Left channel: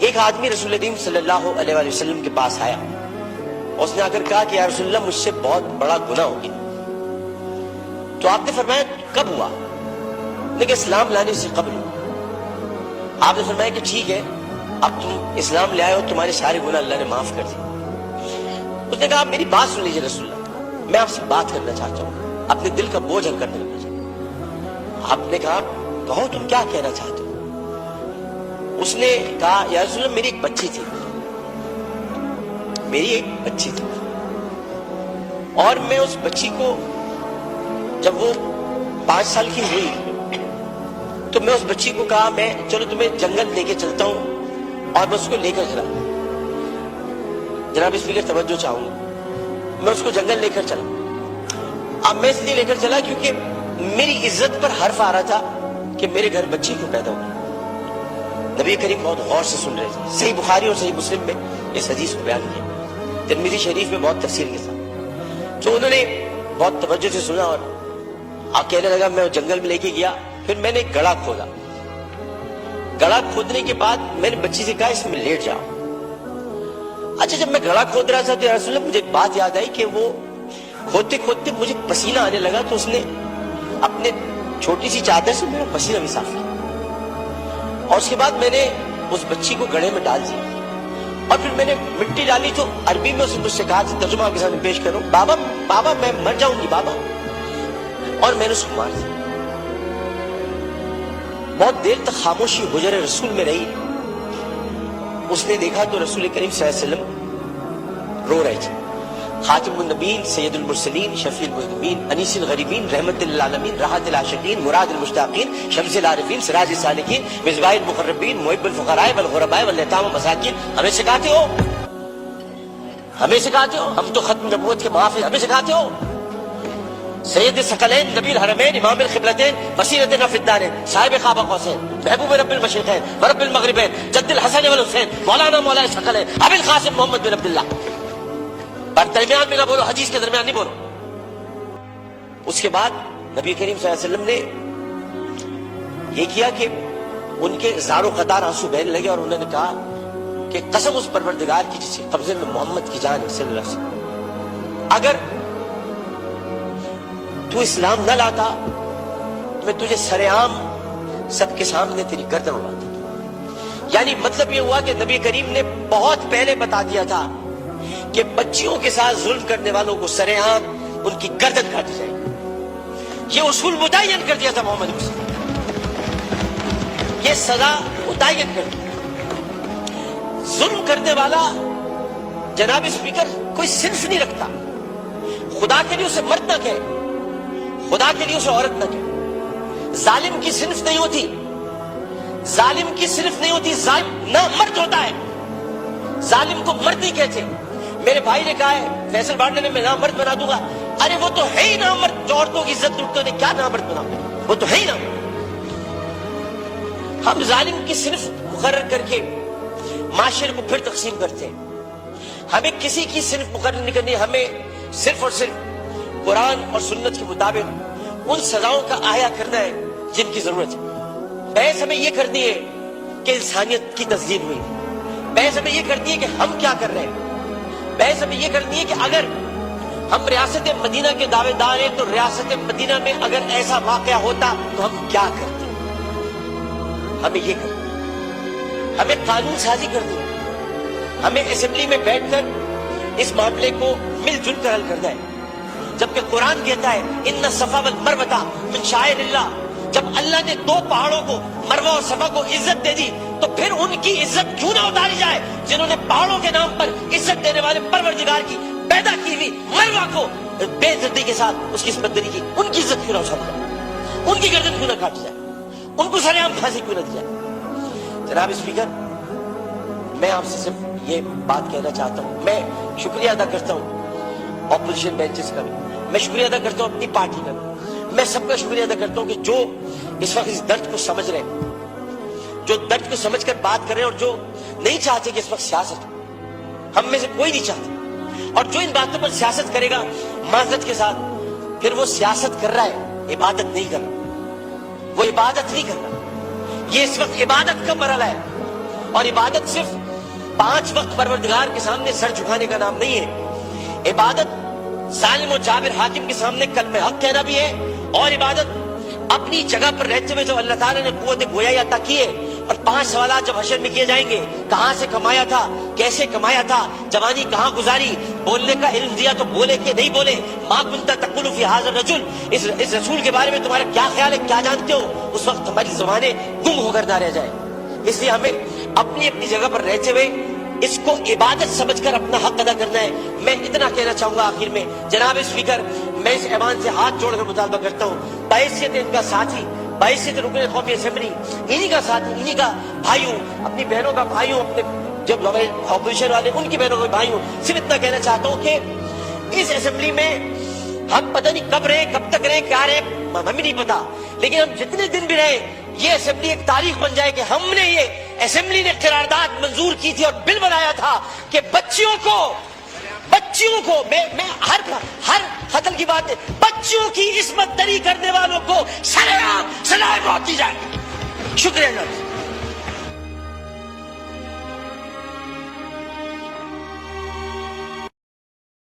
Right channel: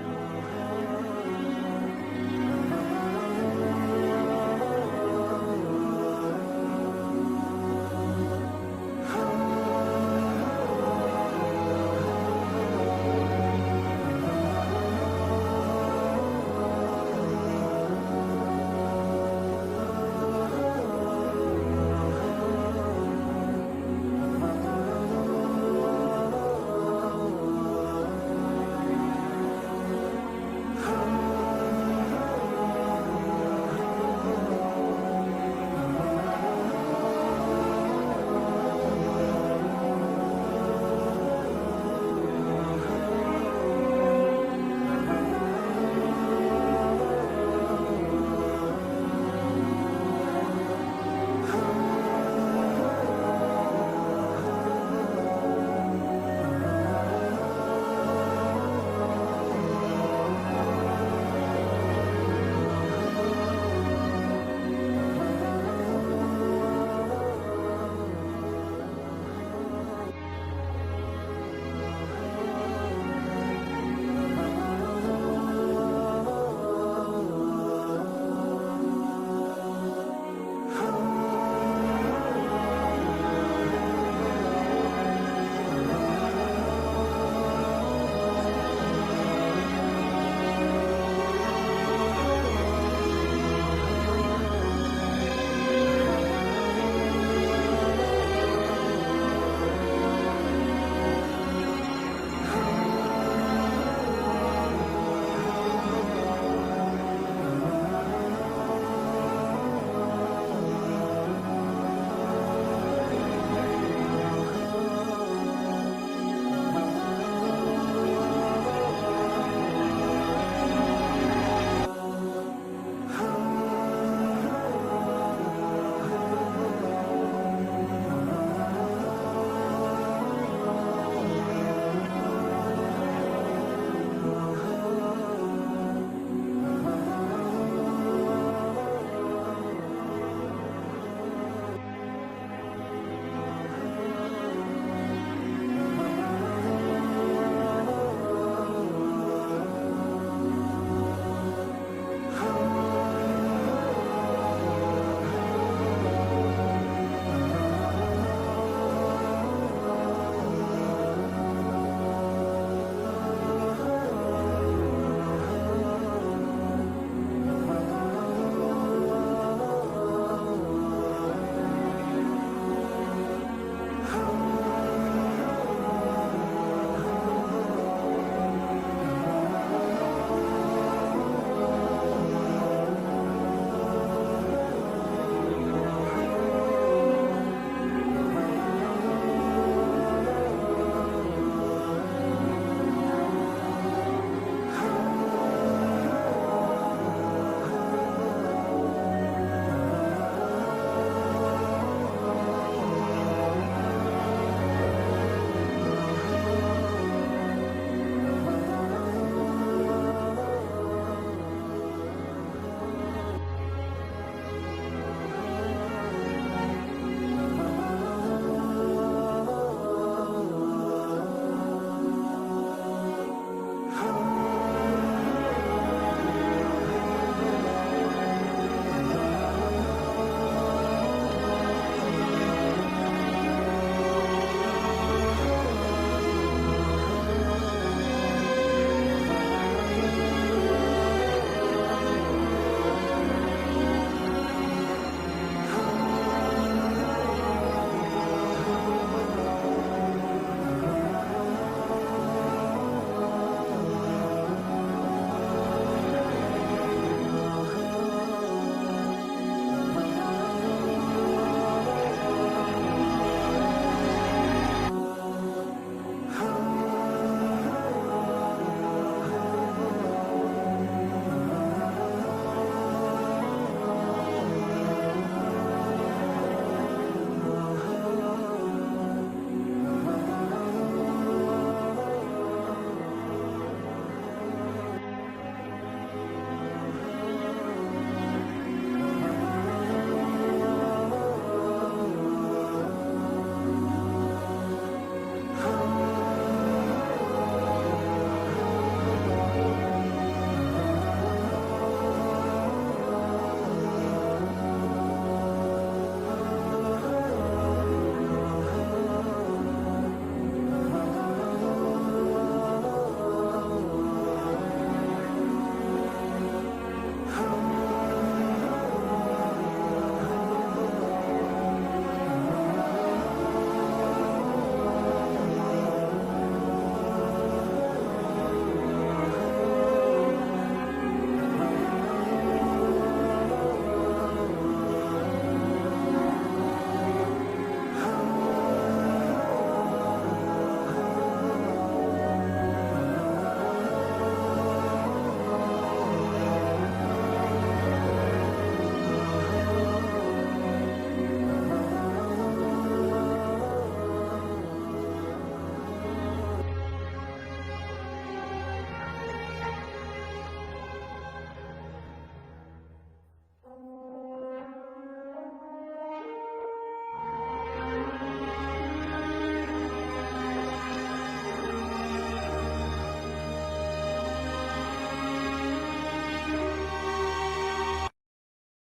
ایک آدمی رسول کریم صلی اللہ علیہ وآلہ وسلم کے پاس آیا، اس نے آ کر کہا کہ یا رسول اللہ مجھ سے بہت بڑا گناہ ہو گیا۔ تو آپ نے فرمایا کب ہوا؟ لیکن اسلام لانے سے قبل ہوا۔ آپ نے فرمایا کہ ٹھیک ہے، اب تم اسلام لے آئے ہو، تمہارے سارے گناہ اللہ نے معاف کر دیے۔ اس نے کہا میری بات سن لیجیے رسول اللہ، میں آپ سے بات کرنا چاہتا ہوں، اپنے دل کا بوجھ ہلکا کرنا چاہتا ہوں۔ آپ نے کہا کہو تم کیا کہنا چاہتے ہو؟ اس نے کہا یا رسول اللہ میری ایک بچی تھی، اور میں اس بچی کو جب وہ 5 سال کی ہوئی تو میں اس بچی کو کہا میں چلو تمہیں جنگل لے کے چلتا ہوں، اور میں اس کو لے کر چلا۔ جناب اسپیکر توجہ چاہوں گا، میں اس کو جنگل لے کر چلا۔ اب میں اس لیے لے کر چلا کیونکہ میری عزت پر حرف آ رہا تھا کہ میرے گھر بچی کیوں پیدا ہوئی۔ نبی کریم بہت غور سے سن رہے تھے۔ صحیح بخاری اور صحیح مسلم میں اس حدیث کو بیان کیا، ترمذی شریف میں بہت تفصیل کے ساتھ۔ تو انہوں نے بہت توجہ سے سنا اور آپ کہنے لگا میں جنگل میں لے کے گیا، پھر میں نے گڑھا کھودا۔ گڑھا کھودنے کے بعد میں نے بچی سے کہا اس میں لیٹ جاؤ۔ اچھا جب میں گڑھا کھود رہا تھا تو یا رسول اللہ مجھے بات یاد آئی کہ وہ کھودتے کھودتے مجھے پسینہ آنے لگا، تو اس نے اپنے چھوٹی سی چادر سے میرا پسینہ بھی صاف کیا، اور اس کے بعد میں نے اس بچی کو گڑھے میں ڈال دیا، اور پھر میں نے مٹی ڈالی تو عربی میں اس نے مجھ سے کہا ترجمہ آپ کے سامنے پیش کروں، بابا بابا میں مر جاؤں گی بابا، اور میں نے اس کو مار دیا۔ بہت دیر تک خاموشی حجر رسول میں رہی۔ اس نے دیکھا تو رسول کریم صلی اللہ علیہ وسلم رو رہے تھے۔ خاتم النبیین، سید المرسلین، شفیع المذنبین، انیس الغریبین، رحمت للعالمین، راحت العاشقین، مراد المشتاقین، شمس العارفین، سراج السالکین، مصباح المقربین، محب الفقراء والغرباء والیتام والمساکین، ہمیں سکھاتے ہو، ہمیں سکھاتے ہو، ہم تو ختم نبوت کے محافظ، ہمیں سکھاتے ہو۔ سید الثقلین، نبی الحرمین، امام القبلتین، وسیلتنا فی الدارین، صاحب خواب قوسین، محبوب رب المشرقین ورب المغربین، جد الحسن والحسین، مولانا مولا الثقلین، ابی القاسم محمد بن عبداللہ۔ پر درمیان میں نہ بولو، حدیث کے درمیان نہیں بولو۔ اس کے بعد نبی کریم صلی اللہ علیہ وسلم نے یہ کیا کہ ان کے زارو قطار آنسو بہنے لگے، اور انہوں نے کہا کہ قسم اس پروردگار کی جس کے قبضے میں محمد کی جان صلی اللہ علیہ وسلم، اگر تو اسلام نہ لاتا تو میں تجھے سر عام سب کے سامنے تیری گردن اڑاتا۔ یعنی مطلب یہ ہوا کہ نبی کریم نے بہت پہلے بتا دیا تھا کہ بچیوں کے ساتھ ظلم کرنے والوں کو سر عام ان کی گردن کاٹی جائے۔ یہ اصول متعین کر دیا تھا محمد رسول، یہ سزا متعین کر دی۔ ظلم کرنے والا جناب اسپیکر کوئی صنف نہیں رکھتا۔ خدا کے لیے اسے مرد نہ کہے، خدا کے لیے اسے عورت نہ کہے۔ ظالم کی صنف نہیں ہوتی، ظالم کی صنف نہیں ہوتی، ظالم نہ مرد ہوتا ہے، ظالم کو مرد نہیں کہتے۔ میرے بھائی نے کہا ہے فیصل بانڈے نے میں نامرد بنا دوں گا، ارے وہ تو ہے ہی نامرد، جو عورتوں کی عزت لوٹتے نے کیا نامرد بنا، وہ تو ہے ہی نامرد۔ ہم ظالم کی صنف مقرر کر کے معاشرے کو پھر تقسیم کرتے ہیں۔ ہمیں کسی کی صنف مقرر نہیں کرنی، ہمیں صرف اور صرف قرآن اور سنت کے مطابق ان سزاؤں کا احیا کرنا ہے جن کی ضرورت ہے۔ بحث ہمیں یہ کرنی ہے کہ انسانیت کی تسلیم ہوئی، بحث ہمیں یہ کرنی ہے کہ ہم کیا کر رہے ہیں، بحث ہمیں یہ کرنی ہے کہ اگر ہم ریاست مدینہ کے دعوے دار ہیں تو ریاست مدینہ میں اگر ایسا واقعہ ہوتا تو ہم کیا کرتے۔ ہمیں یہ کرنا، ہمیں قانون سازی کرنی، ہمیں اسمبلی میں بیٹھ کر اس معاملے کو مل جل کر حل کرنا ہے۔ جبکہ قرآن کہتا ہے ان الصفا والمروہ من شعائر اللہ، جب اللہ نے 2 پہاڑوں کو مروہ اور صفا کو عزت دے دی تو پھر ان کی عزت کیوں نہ اتاری جائے جنہوں نے پہاڑوں کے نام پر عزت دینے والے پروردگار کی پیدا کی ہوئی مروہ کو بے عزتی کے ساتھ اس کی عصمت دری کی، ان کی عزت کیوں نہ اتاری جائے، ان کی گردن کیوں نہ کاٹی جائے، ان کو سر عام پھانسی کیوں نہ دی جائے۔ جناب اسپیکر، میں آپ سے صرف یہ بات کہنا چاہتا ہوں، میں شکریہ ادا کرتا ہوں اپوزیشن بینچز کا، میں شکریہ ادا کرتا ہوں اپنی پارٹی کا، میں سب کا شکریہ ادا کرتا ہوں کہ جو اس وقت اس درد کو سمجھ رہے ہیں، جو درد کو سمجھ کر بات کر رہے ہیں، اور جو نہیں چاہتے کہ اس وقت سیاست ہو، ہم میں سے کوئی نہیں چاہتا، اور جو ان باتوں پر سیاست کرے گا معذرت کے ساتھ پھر وہ سیاست کر رہا ہے، عبادت نہیں کر رہا، وہ عبادت نہیں کر رہا۔ یہ اس وقت عبادت کا مرحلہ ہے، اور عبادت صرف 5 وقت پروردگار کے سامنے سر جھکانے کا نام نہیں ہے. عبادت ظالم و جابر حاکم کے سامنے کلمہ حق کہنا بھی ہے, اور عبادت اپنی جگہ پر رہتے ہوئے جو اللہ تعالیٰ نے قوت گویائی عطا کی ہے. اور 5 سوالات جب حشر میں کیے جائیں گے, کہاں سے کمایا تھا, کیسے کمایا تھا, جوانی کہاں گزاری, بولنے کا علم دیا تو بولے کہ نہیں بولے, ما کنت تقول فی ھذا الرجل, اس رسول کے بارے میں تمہارا کیا خیال ہے, کیا جانتے ہو, اس وقت ہماری زبانیں گم ہو کر نہ رہ جائیں. اس لیے ہمیں اپنی اپنی جگہ پر رہتے ہوئے اس کو عبادت سمجھ کر اپنا حق ادا کرنا ہے. میں اتنا کہنا چاہوں گا آخر میں, جناب اسپیکر, میں اس ایوان سے ہاتھ جوڑ کر مطالبہ کرتا ہوں, بحیثیت ان کا ساتھی, بحیثیت رکن قومی اسمبلی, انہی کا ساتھی, انہی کا بھائیوں, اپنی بہنوں کا بھائیوں, اپنے جب ہمارے اپوزیشن والے ان کی بہنوں کا بھائیوں, صرف اتنا کہنا چاہتا ہوں کہ اس اسمبلی میں ہم پتہ نہیں کب رہے, کب تک رہے, کیا رہے, ہمیں نہیں پتا, لیکن ہم جتنے دن بھی رہے, یہ اسمبلی ایک تاریخ بن جائے کہ ہم نے, یہ اسمبلی نے قرارداد منظور کی تھی اور بل بنایا تھا کہ بچیوں کو میں ہر قتل کی بات ہے, بچیوں کی عصمت دری کرنے والوں کو سزائے موت دی جائے. شکریہ جناب.